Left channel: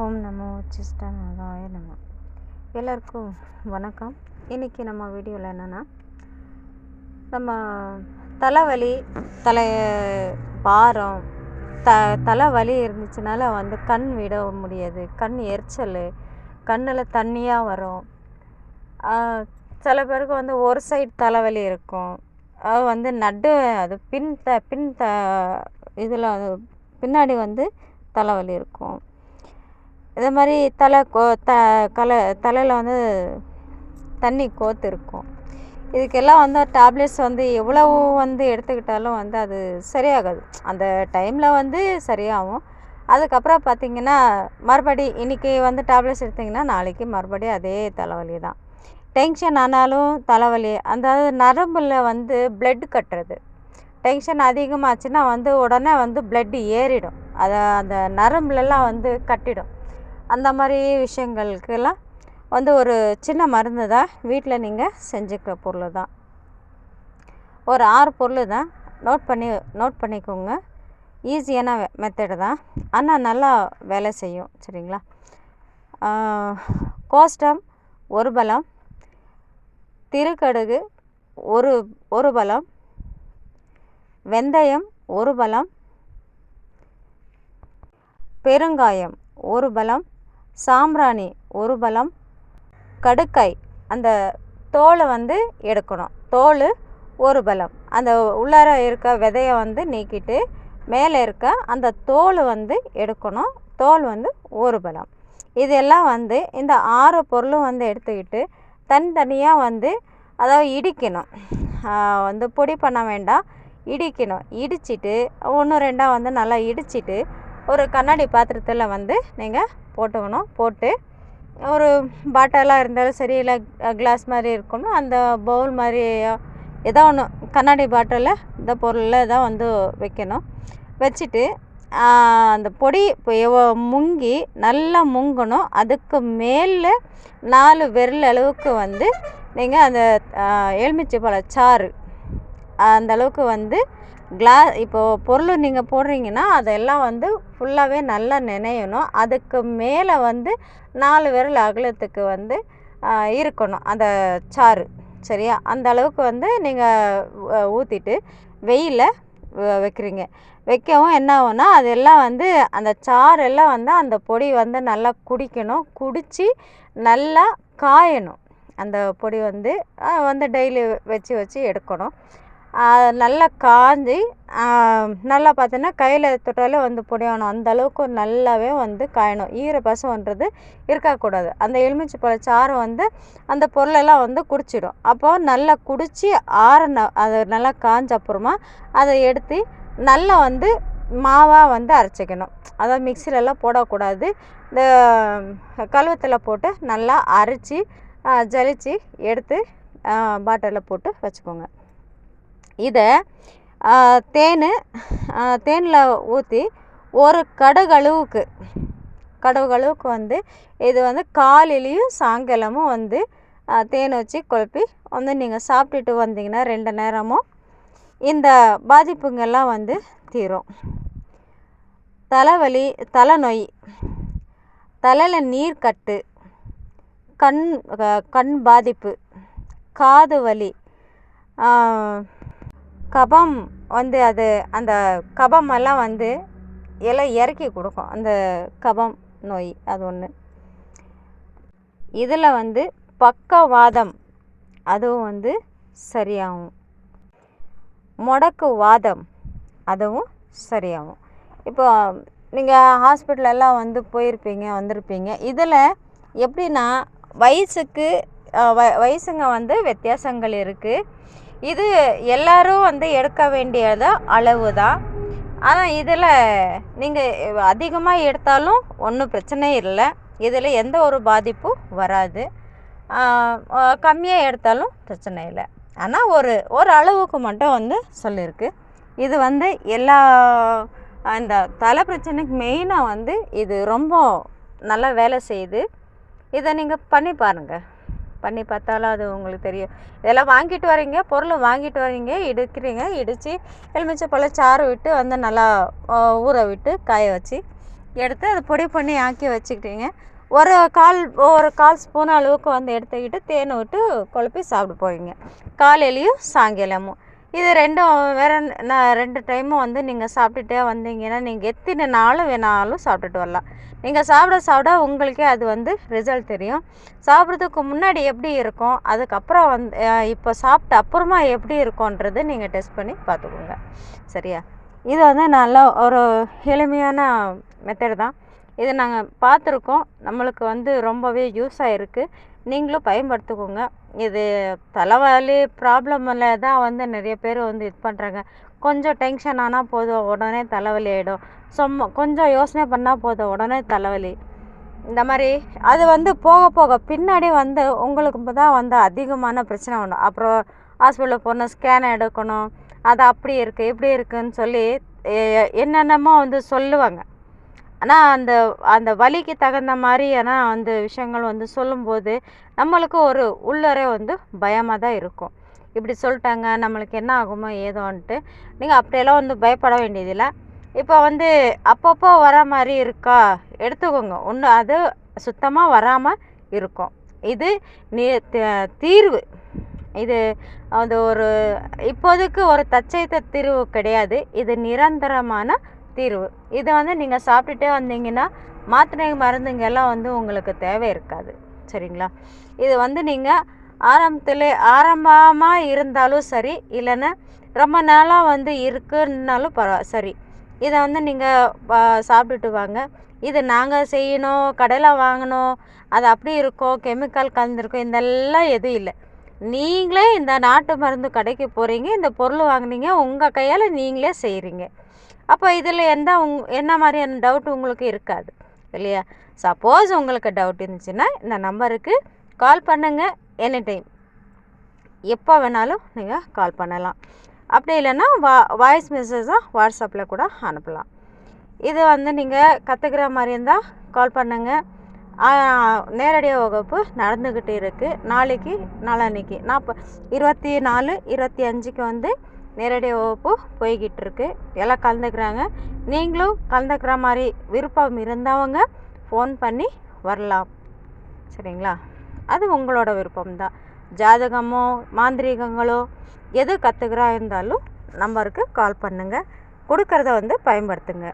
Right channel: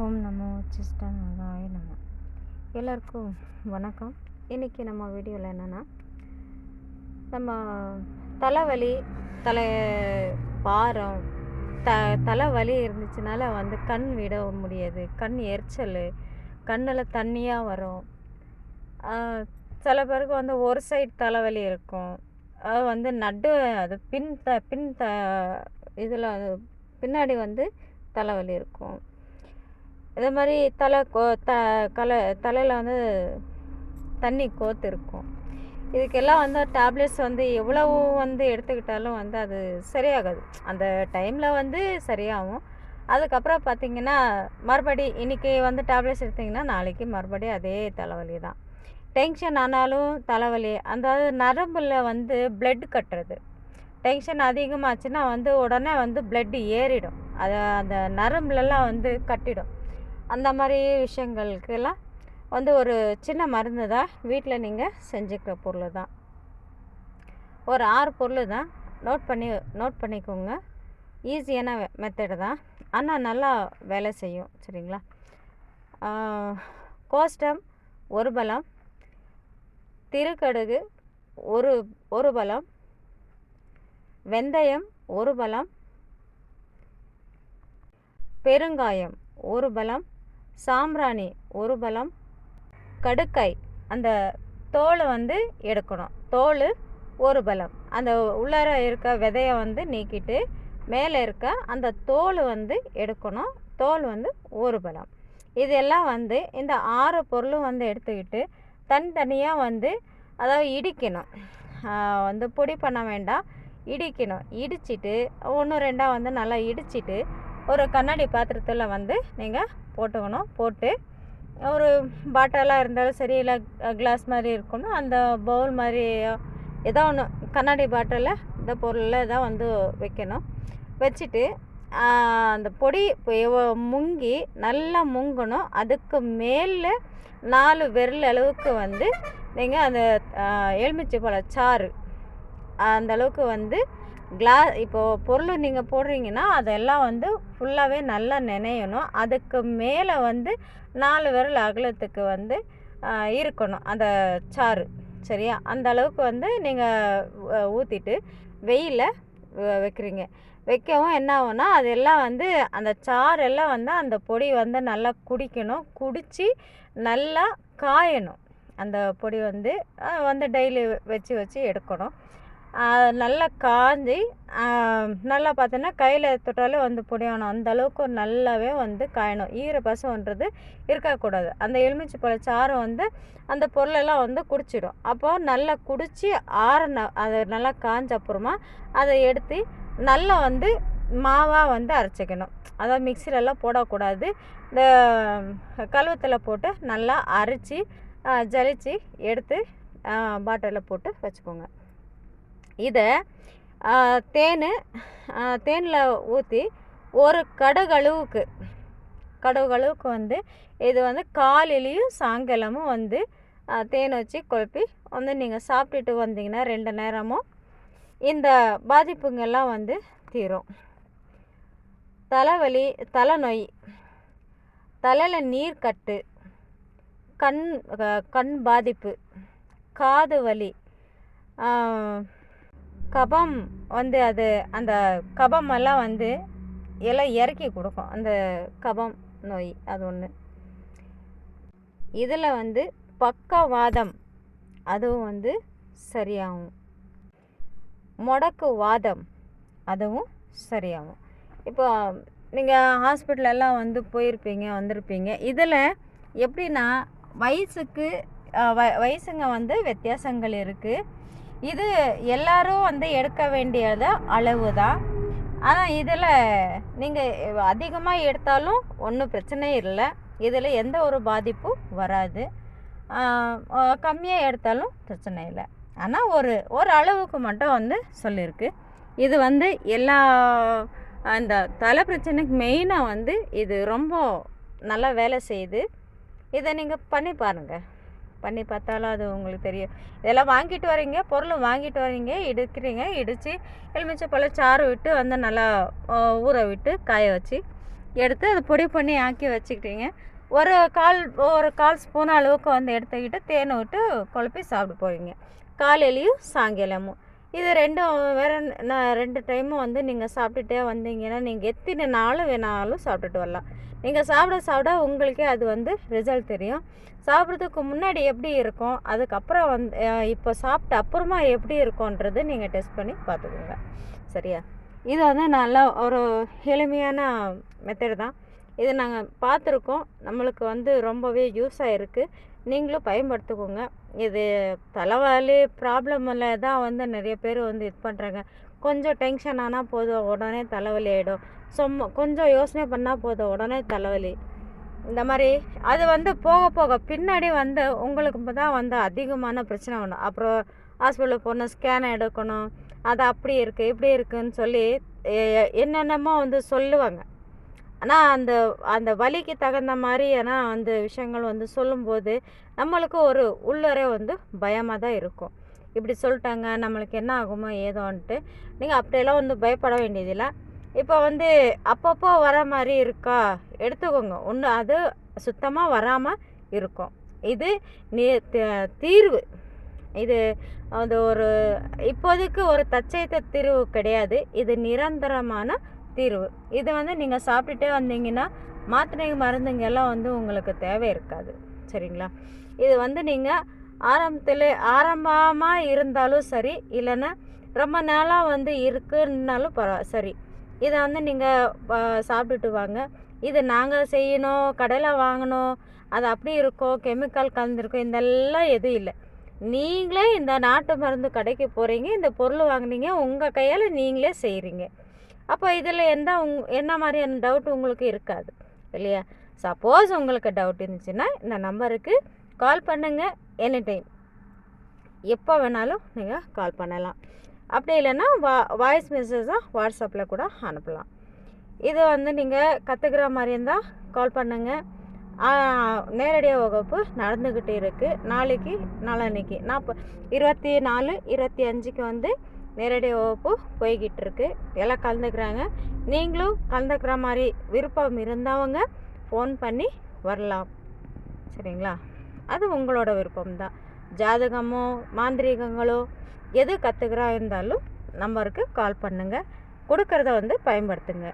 ஓம் நமோ சிஷ்டநாதாய நம. எல்லாருக்கும் வணக்கம். இன்றைக்கி நம்ம வீடியோவில் என்னென்னா நம்ம தலைவலி தலை பாரம் த தலைவலி இருந்துச்சுனால வந்து கண் விட முடியாது. கண் எரிச்சல் கண்ணில் தண்ணியாக வரும். சில பேருக்கு வந்து ஒரு சைடு தலைவலி இருக்கும். அது வந்து நடு அது பின் த பின் த இதில் அது பின்னாடி வந்து தலைவலி இருக்கும். இதே மாதிரி தலை கோ த கலை தலையில் வந்து தண்ணி கோத்து இருக்கும் இதுக்கெல்லாம் வந்து டேப்லெட்ஸ் வந்து எவ்வளவு வந்து எடுத்துக்கிட்டாலும் வந்து அது சரியாகாது. அந்த டைமில் வந்து சரியாகும். அதுக்கப்புறம் பார்த்திங்கன்னா மறுபடி இன்றைக்கி வந்து டேப்லெட்ஸ் எடுத்திங்கன்னா நாளைக்கு மறுபடியும் அதே தலைவலி தான். டென்ஷன் ஆனாலும் தலைவலி அந்த நரம்பில் வந்து பிளட் கட்டுறது. டென்ஷன் அதிகமாச்சுன்னா வந்து உடனே வந்து பிளட் ஏறிடும். அதை அந்த நரம்புலலாம் வந்து கட்டிடும். அந்த மாதிரி விஷயங்களுக்கெல்லாம் வந்து ஒரு சின்ன மருந்து தான் வீட்டில் நீங்கள் செஞ்சுக்கிற பொருள் தான். ஒரு ஆறு பொருள் தான். நோட் பண்ணி நோட் பண்ணிக்கோங்க. ஈஸியான மெத்தடு தான். ஆனால் நல்லா வேலை செய்யும் சரிங்களா? கோஷ்டம் ஒரு பலம் திருக்கடுகு ஒரு ஒரு பலம் வெந்தயம் ஒரு பலம் பெருங்காயம் ஒரு பலம் சாம்பிராணி ஒரு பலம் கடுக்காய் அந்த தோலை வந்து எடுக்கணும். தோல் ஒரு பலம் அந்த உள்ளார இருக்க விதையை வந்து நீக்கிட்டு மேலே இருக்க அந்த தோல் வந்து எடுக்கணும். தோல் வந்து ஒரு பலம் இதெல்லாம் வந்து இந்த ஆறு பொருளும் வந்து எடுத்துக்கிட்டு தனித்தனியாக வந்து அதாவது இடிக்கணும். வந்து பொடி பண்ண வேண்டாம். இடிக்கணும். இடிச்சிட்டு ஒன்று ரெண்டாக வந்து நல்லா இடிச்சிட்டு ஒரு கண்ணாடி பாத்திரத்தில் வந்து நீங்கள் போட்டுக்கணும். போட்டு ஒரு பாட்டிலாக இருந்தாலும் சரி இல்லை கிளாஸ் மாதிரி இருக்கணும். அந்த பவுல் மாதிரி ஏதோ ஒன்று கண்ணாடி பாட்டிலில் இந்த பொருளில் தான் வந்து வைக்கணும். வச்சுட்டு அந்த பொடி முங்கி நல்லா முங்கணும். அதுக்கு மேலே நாலு விரல் அளவுக்கு வந்து நீங்கள் அந்த எலுமிச்சை பழ சாறு அந்த அளவுக்கு வந்து கிளா இப்போது பொருள் நீங்கள் போடுறீங்கன்னா அதெல்லாம் வந்து ஃபுல்லாகவே நல்லா நினையணும். அதுக்கு மேலே வந்து நாலு விரல் அகலத்துக்கு வந்து இருக்கணும். அந்த சாறு சரியா? அந்த அளவுக்கு வந்து நீங்கள் ஊற்றிட்டு வெயிலில் வைக்கிறீங்க. வைக்கவும் என்ன ஆகும்னா அதெல்லாம் வந்து அந்த சாரெல்லாம் வந்து அந்த பொடி வந்து நல்லா குடிக்கணும். குடித்து நல்லா காயணும். அந்த பொடி வந்து வந்து டெய்லி வச்சு வச்சு எடுக்கணும். நல்லா காஞ்சி நல்லா பார்த்தீங்கன்னா கையில் தொட்டாலே வந்து பொடியாகணும் அந்த அளவுக்கு நல்லாவே வந்து காயணும். ஈரப்பசம்ன்றது இருக்கக்கூடாது. அந்த எலுமிச்சை பழ சாறு வந்து அந்த பொருளெல்லாம் வந்து குடிச்சிடும். அப்போது நல்லா குடித்து ஆறின அது நல்லா காஞ்ச அப்புறமா அதை எடுத்து நல்லா வந்து மாவாக வந்து அரைச்சிக்கணும். அதாவது மிக்சிலெல்லாம் போடக்கூடாது. இந்த கழுவத்தில் போட்டு நல்லா அரைச்சி ஜலிச்சு எடுத்து பாட்டிலில் போட்டு வச்சுக்கோங்க. இதை தேன் தேனில் ஊற்றி ஒரு கடுகளவுக்கு கடுகளவுக்கு வந்து இது வந்து காலையிலையும் சாயங்காலமும் வந்து தேன் வச்சு குழப்பி வந்து நீங்கள் சாப்பிட்டுட்டு வந்தீங்கன்னா ரெண்டு நேரமும் இந்த பாதிப்புங்கெல்லாம் வந்து தீரும். தலைவலி தலைநோய் தலையில் நீர் கட்டு கண் கண் பாதிப்பு காது வலி கபம் வந்து அது அந்த கபமெல்லாம் வந்து எல்லாம் இறக்கி கொடுக்கும். அந்த கபம் நோய் அது ஒன்று இதில் வந்து பக்கவாதம் அதுவும் வந்து சரியாகும். முடக்கு வாதம் அதுவும் சரியாகும். இப்போ நீங்கள் ஹாஸ்பிட்டலெல்லாம் வந்து போயிருப்பீங்க வந்திருப்பீங்க. இதில் எப்படின்னா வயசுக்கு வ வயசுங்க வந்து வித்தியாசங்கள் இருக்குது இது எல்லாரும் வந்து எடுக்க வேண்டியது அளவு தான் ஆனால் இதில் நீங்கள் அதிகமாக எடுத்தாலும் ஒன்றும் பிரச்சனை இல்லை. இதில் எந்த ஒரு பாதிப்பும் வராது. கம்மியாக எடுத்தாலும் பிரச்சனை இல்லை. ஆனால் ஒரு ஒரு அளவுக்கு மட்டும் வந்து சொல்லியிருக்கு இது வந்து எல்லா அந்த தலை பிரச்சனைக்கு மெயினாக வந்து இது ரொம்ப நல்லா வேலை செய்யுது. இதை நீங்கள் பண்ணி பாருங்கள் பண்ணி பார்த்தாலும் அது உங்களுக்கு தெரியும். இதெல்லாம் வாங்கிட்டு வரீங்க பொருள் வாங்கிட்டு வரீங்க இடிக்கிறீங்க இடித்து எலுமிச்சை போல் சாறு விட்டு வந்து நல்லா ஊற விட்டு காய வச்சு எடுத்து அது பொடி பண்ணி ஆக்கி வச்சுக்கிட்டீங்க. ஒரு கால் ஒரு கால் ஸ்பூன் அளவுக்கு வந்து எடுத்துக்கிட்டு தேனை விட்டு குழப்பி சாப்பிட்டு போவீங்க காலையிலையும் சாயங்காலமும். இது ரெண்டும் வேற நான் ரெண்டு டைமும் வந்து நீங்கள் சாப்பிட்டுட்டே வந்தீங்கன்னா நீங்கள் எத்தனை நாளும் வேணாலும் சாப்பிட்டுட்டு வரலாம். நீங்கள் சாப்பிட சாப்பிட உங்களுக்கே அது வந்து ரிசல்ட் தெரியும். சாப்பிட்றதுக்கு முன்னாடி எப்படி இருக்கும்? அதுக்கப்புறம் வந்து இப்போ சாப்பிட்ட அப்புறமா எப்படி இருக்கும்ன்றது நீங்கள் டெஸ்ட் பண்ணி பார்த்துக்கோங்க. சரியா? இது வந்து நல்லா ஒரு எளிமையான மெத்தட் தான். இது நாங்கள் பார்த்துருக்கோம். நம்மளுக்கு வந்து ரொம்பவே யூஸ் ஆகிருக்கு நீங்களும் பயன்படுத்திக்கோங்க. இது தலைவலி ப்ராப்ளமில் தான் வந்து நிறைய பேர் வந்து இது பண்ணுறாங்க கொஞ்சம் டென்ஷன் ஆனால் போதும் உடனே தலைவலி ஆகிடும் சும்மா கொஞ்சம் யோசனை பண்ணால் போதும் உடனே தலைவலி. இந்த மாதிரி அது வந்து போக போக பின்னாடி வந்து உங்களுக்கு தான் வந்து அதிகமான பிரச்சனை வரும் அப்புறம் ஹாஸ்பிட்டலுக்கு போகணும் ஸ்கேன் எடுக்கணும் அது அப்படி இருக்குது இப்படி இருக்குன்னு சொல்லி என்னென்னமோ வந்து சொல்லுவாங்க. ஆனால் அந்த அந்த வலிக்கு தகுந்த மாதிரியான அந்த விஷயங்கள் வந்து சொல்லும்போது நம்மளுக்கு ஒரு உள்ளரே வந்து பயமாக தான் இருக்கும். இப்படி சொல்லிட்டாங்க நம்மளுக்கு என்ன ஆகுமோ ஏதோன்ட்டு. நீங்கள் அப்படியெல்லாம் வந்து பயப்பட வேண்டியதில்லை. இப்போ வந்து அப்பப்போ வர மாதிரி இருக்கா? எடுத்துக்கோங்க. ஒன்று அது சுத்தமாக வராமல் இருக்கும். இது நீ தீர்வு. இது அது ஒரு இப்போதைக்கு ஒரு தச்சைத்த தீர்வு கிடையாது. இது நிரந்தரமான தீர்வு. இதை வந்து நீங்கள் சாப்பிட்டுட்டே வந்தீங்கன்னா மாத்திரை மருந்துங்கெல்லாம் வந்து உங்களுக்கு தேவை இருக்காது. சரிங்களா? இது வந்து நீங்கள் ஆரம்பத்தில் ஆரம்பமாக இருந்தாலும் சரி இல்லைன்னா ரொம்ப நாளாக வந்து இருக்குன்னாலும் பரவா சரி. இதை வந்து நீங்கள் சாப்பிட்டுட்டு வாங்க. இது நாங்கள் செய்யணும் கடையில் வாங்கணும் அது அப்படி இருக்கும் கெமிக்கல் கலந்துருக்கும் இதெல்லாம் எதுவும் இல்லை. நீங்களே இந்த நாட்டு மருந்து கடைக்கு போகிறீங்க இந்த பொருள் வாங்குனீங்க உங்கள் கையால் நீங்களே செய்கிறீங்க அப்போ இதில் எந்த உங் என்ன மாதிரியான டவுட் உங்களுக்கு இருக்காது இல்லையா? சப்போஸ் உங்களுக்கு டவுட் இருந்துச்சுன்னா இந்த நம்பருக்கு கால் பண்ணுங்கள் எனி டைம் எப்போ வேணாலும் நீங்கள் கால் பண்ணலாம். அப்படி இல்லைன்னா வா வாய்ஸ் மெசேஜாக வாட்ஸ்அப்பில் கூட அனுப்பலாம். இது வந்து நீங்கள் கற்றுக்கிற மாதிரி இருந்தால் கால் பண்ணுங்கள் நேரடியாக வகுப்பு நடந்துக்கிட்டு இருக்குது நாளைக்கு நாளன்னைக்கு நாற்ப இருபத்தி நாலு இருபத்தி அஞ்சுக்கு வந்து நேரடி வகுப்பு போய்கிட்டு இருக்கு. எல்லாம் கலந்துக்கிறாங்க. நீங்களும் கலந்துக்கிற மாதிரி விருப்பம் இருந்தவங்க ஃபோன் பண்ணி வரலாம். சரிங்களா? அது உங்களோட விருப்பம்தான். ஜாதகமோ மாந்திரீகங்களோ எது கற்றுக்கிறா இருந்தாலும் நம்பருக்கு கால் பண்ணுங்கள் கொடுக்கறத வந்து பயன்படுத்துங்க.